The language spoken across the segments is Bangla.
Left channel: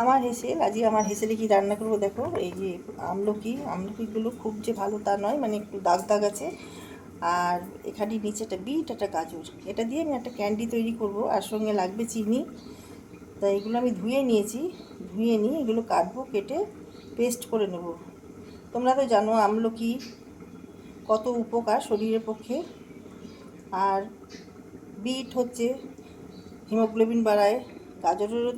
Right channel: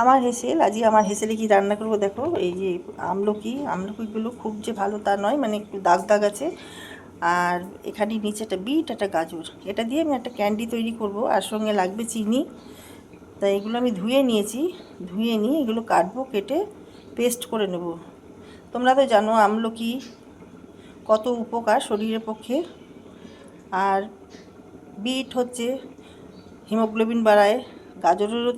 আমার হেসেল আজকে আমার হেসেলে কি রান্না করব দেখো। এই যে আমলকিগুলো খুব যে ভালো তা নয়, মানে একটু দাগ দাগ আছে। আর এখানে নিচে একটা বিট, একটা গাজর, এটা দিয়ে আমি একটা ক্যান্ডি তৈরি করব। আর সঙ্গে লাগবে চিনি। তাই এগুলো আমি ধুয়ে নিয়েছি, ধুয়ে নিয়ে এগুলো কাটবো, কেটে পেস্ট করে নেব। তোমরা তো জানো আমলকি কত উপকার শরীরের পক্ষে। আর বিট হচ্ছে হিমোগ্লোবিন বাড়ায়, গাজরেরও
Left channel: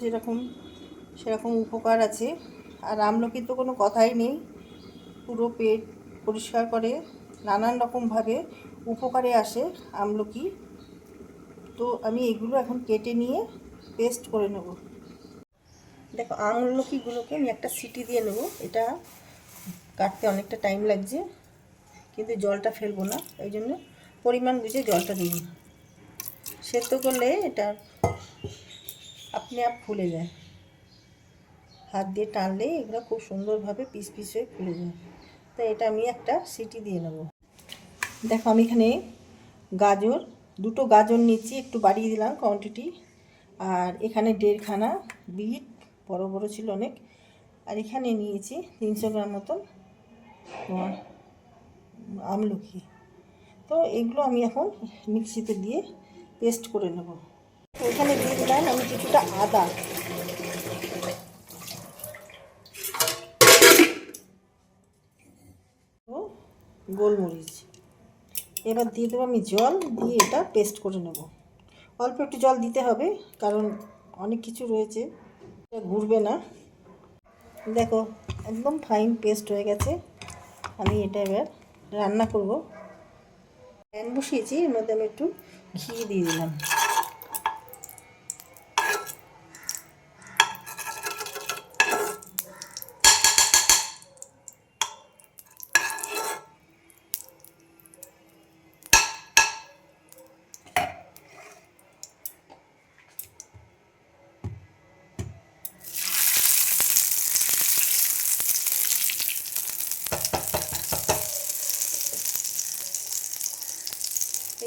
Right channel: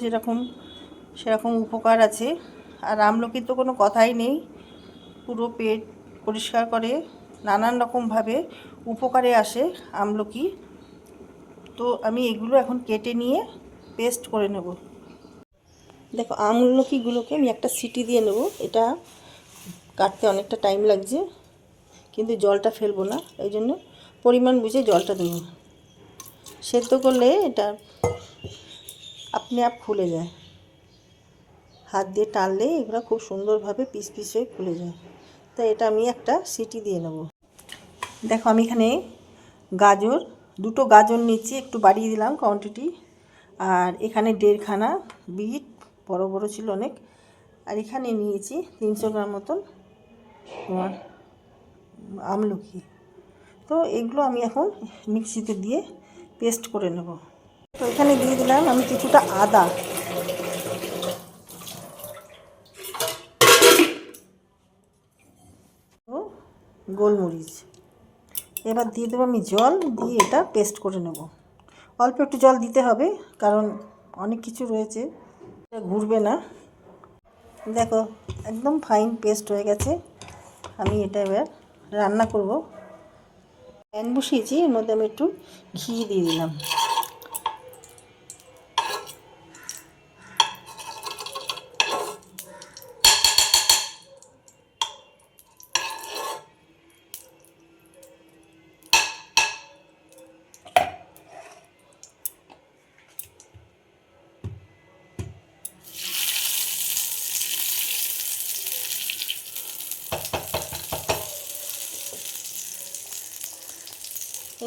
সেরকম উপকার আছে। আর আমলকির তো কোনো কথাই নেই, পুরো পেট পরিষ্কার করে, নানান রকমভাবে উপকারে আসে আমলকি। তো আমি এগুলো এখন কেটে নিয়ে পেস্ট করে নেব। দেখো আমলকিগুলোকে আমি একটা সিটি দিয়ে নেব। এটা কাটতে অনেকটা টাইম লাগছে, কিন্তু জলটা ফেলবো না, এই জন্য পরিমাণ বুঝে জলটা দেব। সেদ্ধ করলে এটা আপনি আপ খুলে যায়, হাত দিয়ে টানলে এগুলো খুব সুন্দরভাবে পিস পিস হয়ে খুলে যায়। তাই এটা আমি একটা সিটি দিয়ে নেব। দেখো আমি এখানে দুটো গাজর নিচ্ছি, একটু বাড়িয়ে দিলাম কোয়ান্টিটি। আর এখানে 1.5 খানা বিট, বড় বড় ছিল অনেক। আর এখানে নিয়েছি 300 গ্রাম মতন তোমার আমলকি। তো এগুলো আমি এখন মিক্সিতে দিয়ে পেস্ট করে নেব। তো এখানে দিয়ে দিলাম আমি কিছুটা আদা, গোলমরিচ। এবার দিয়ে দেবো আমি জল, দিয়ে এটা পেস্ট করে নেব। অল্প একটু জল দিতে হবে, কারণ অনেক কিছু রয়েছে, এটা ঘুরবে না। দেখো একদম ফাইন পেস্ট হয়ে গেছে। আমি এটা এবার রান্না করব। প্যান বসিয়েছি, এর মধ্যে আমি একটু ঘি দিয়ে দিলাম।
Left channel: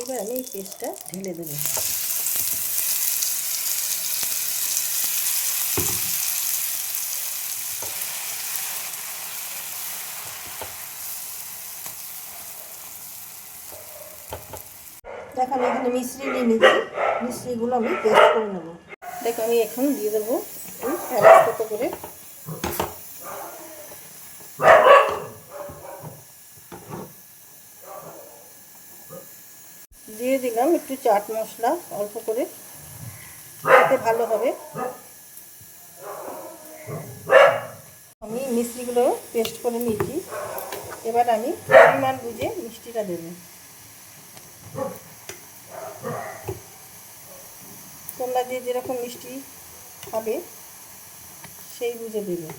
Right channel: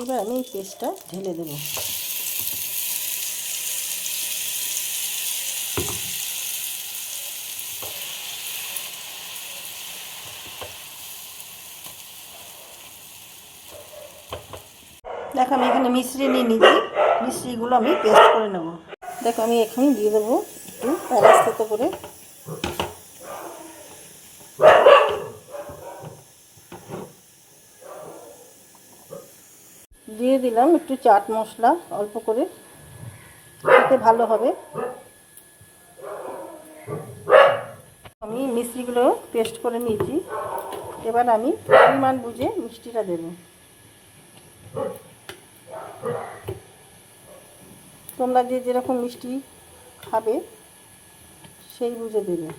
এবার আমি এই পেস্টটা ঢেলে দেবো। দেখো আমি এখানে মিশ্রি নিয়ে নিচ্ছি, মিশ্রিগুলো আমি পেস্ট করে নেব। দেখো আমি এখন দিয়ে দেবো একটু প্যারাস্তা করে। দিয়ে দিলাম একটু চাট মশলা অল্প করে, খেতে ভালো হবে। আমি মিষ্টিগুলো পেস্ট করে নিয়েছি। এবার আমি পরিমাণ বুঝে মিষ্টিটা দেব। তোমরা যে যেরকম মিষ্টি খাবে সেই বুঝে দেবে।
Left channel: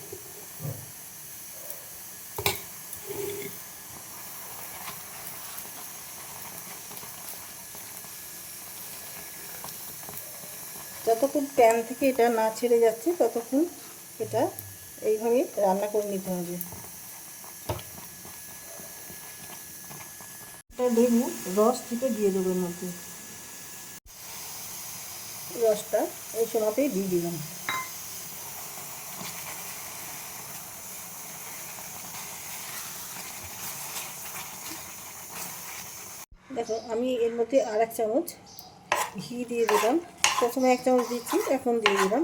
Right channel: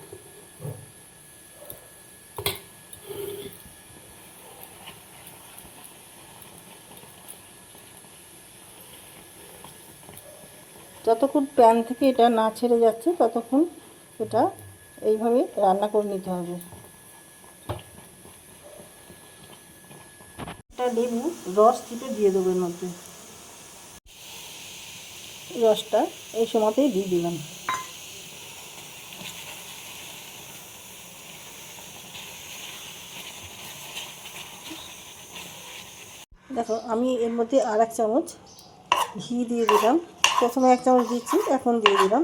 যতক্ষণ প্যান থেকে এটা না ছেড়ে যাচ্ছে ততক্ষণ এটা এইভাবে রান্না করে নিতে হবে। এটা লেবু রস চিপে দিয়ে দেবো এর মধ্যে। রসটা এই সময়তেই দিয়ে দিলাম। দেখো আমি এর মধ্যে আর 1 চামচ ঘি দিয়ে দিলাম। প্রথমে 1 চামচ দিচ্ছি, এখন দিয়ে দিলাম।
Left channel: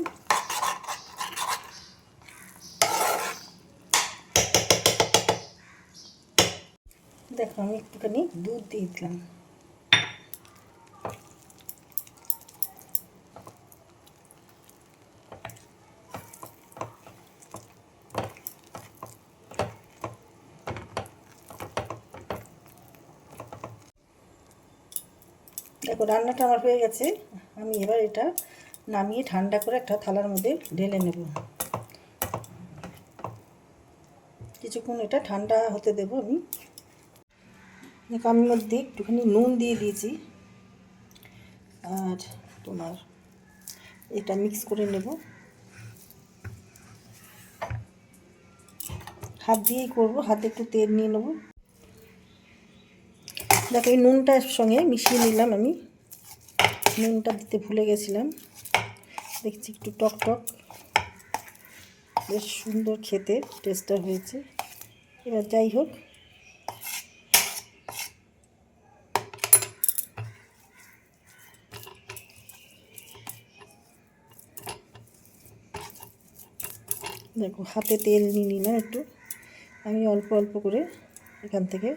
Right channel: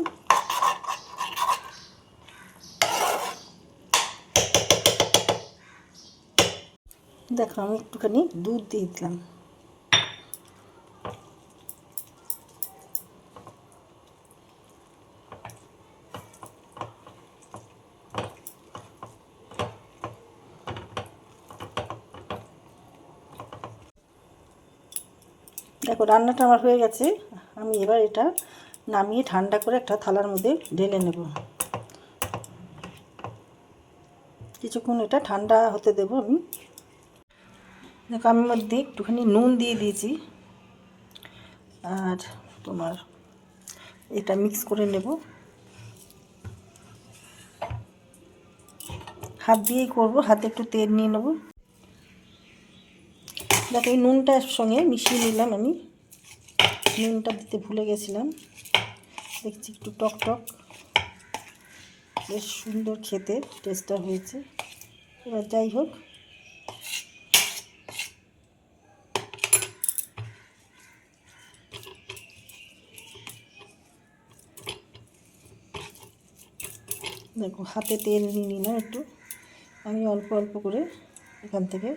দেখো আমি একটুখানি দুধ দিয়ে দিলাম। দেখো রান্নাটা আমার হয়ে গেছে। আমি এবার এটা নামিয়ে ঠান্ডা করে একটা থালার মধ্যে ঢেলে নেব। কিছুক্ষণ এটা ঠান্ডা হতে দেবো আমি। দেখো আমি মধ্যে একটুখানি নুন দিয়ে দিয়েছি। আর তোমার এটা মিক্স করে নেব, হাত দিয়েই করব, হাতে একটু তেল নিয়ে নেব। দেখো এই নুনটার সঙ্গে মিশিয়ে নিলাম আমি। নুনটা দিতে ভুলে গেছিলাম, দেখছি একটু টক টক। বেশ সুন্দর খেতে টেস্টটা হয়েছে। এবার যাই হোক, দেখো হাতে তেল নিয়ে নিলাম একটু, আমি অল্প অল্প করে এখান থেকে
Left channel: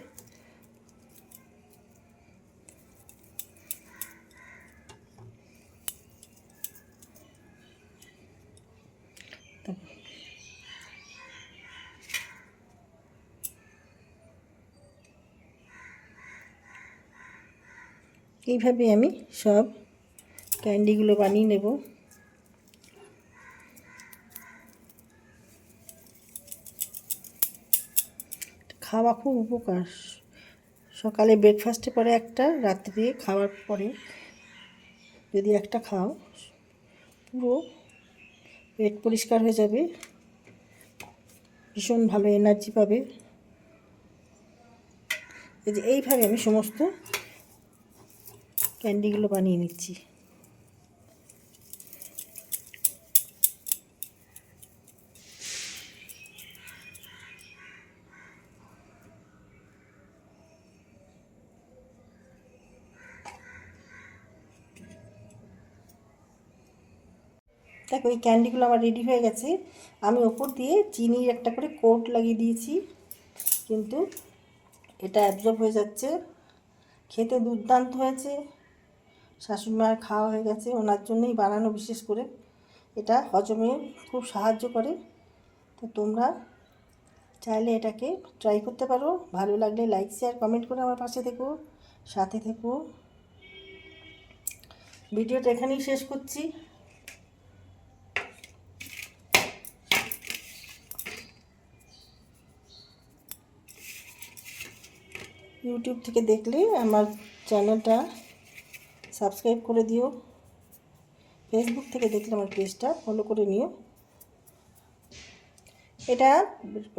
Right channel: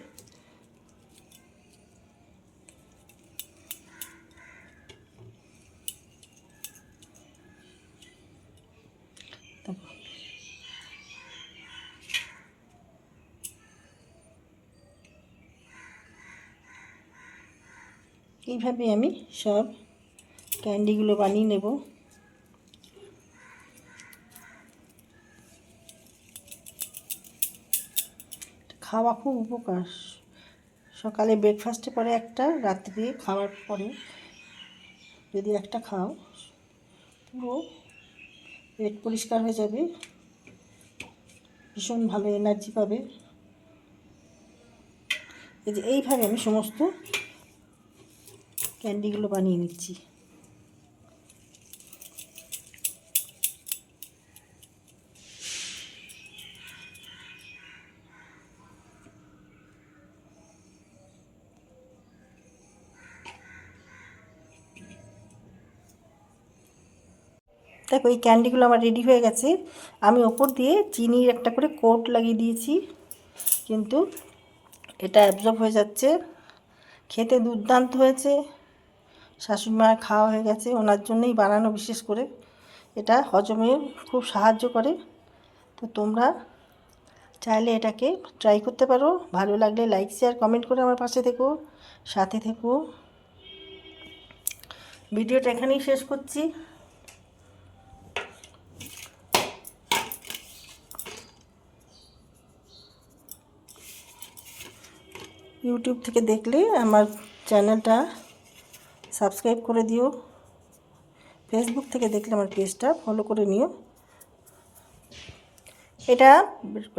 এইভাবে আমি সব ক্যান্ডিগুলো বানিয়ে নেব। খাওয়া খুব উপকার, সকালে ব্রেকফাস্টে পরে একটা, রাত্রে খাওয়ার পরে যদি একটা খাও পুরো পেট পরিষ্কার হয়ে যাবে, ভীষণ ভালো এনার্জি পাবে। এই যে এইভাবে আমি সমস্ত ক্যান্ডিগুলো বানিয়ে নিচ্ছি। দেখো এই ক্যান্ডিগুলো আমার রেডি হয়ে গেছে। আমি ওপর দিয়ে চিনির একটা করে কোট লাগিয়ে দিয়েছি, কিন্তু এটা অ্যাবজর্ব হয়ে যাচ্ছে। খেতে দুর্দান্ত হয়েছে, শাশুড়ি মায়ের খাওয়া হয়ে গেছে, ওনার জন্যই বানানো বিশেষ করে। এটা হজমে খুব সাহায্য করে। তো তোমরা চাইলে এটাকে ট্রাই করতে পারো। ভালো লাগলে লাইক শেয়ার কমেন্ট করে আমার পাশে থেকো, সাথে থেকো। ভিডিওটা এখানেই শেষ করছি। ইউটিউব থেকে দেখলে আমার চ্যানেলটা সাবস্ক্রাইব করে দিও, ফেসবুক থেকে দেখলে আমার পেজটা ফলো করে নিও। এটা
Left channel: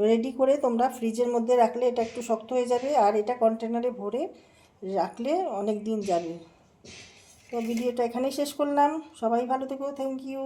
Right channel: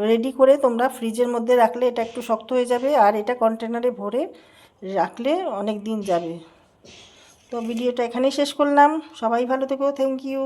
রেডি করে তোমরা ফ্রিজের মধ্যে রাখলে এটা একটু শক্ত হয়ে যাবে, আর এটা কন্টেনারে ভরে রাখলে অনেক দিন যাবে। তো ভিডিওটা এখানেই শেষ করলাম। সবাই ভালো থেকো, থ্যাংক ইউ।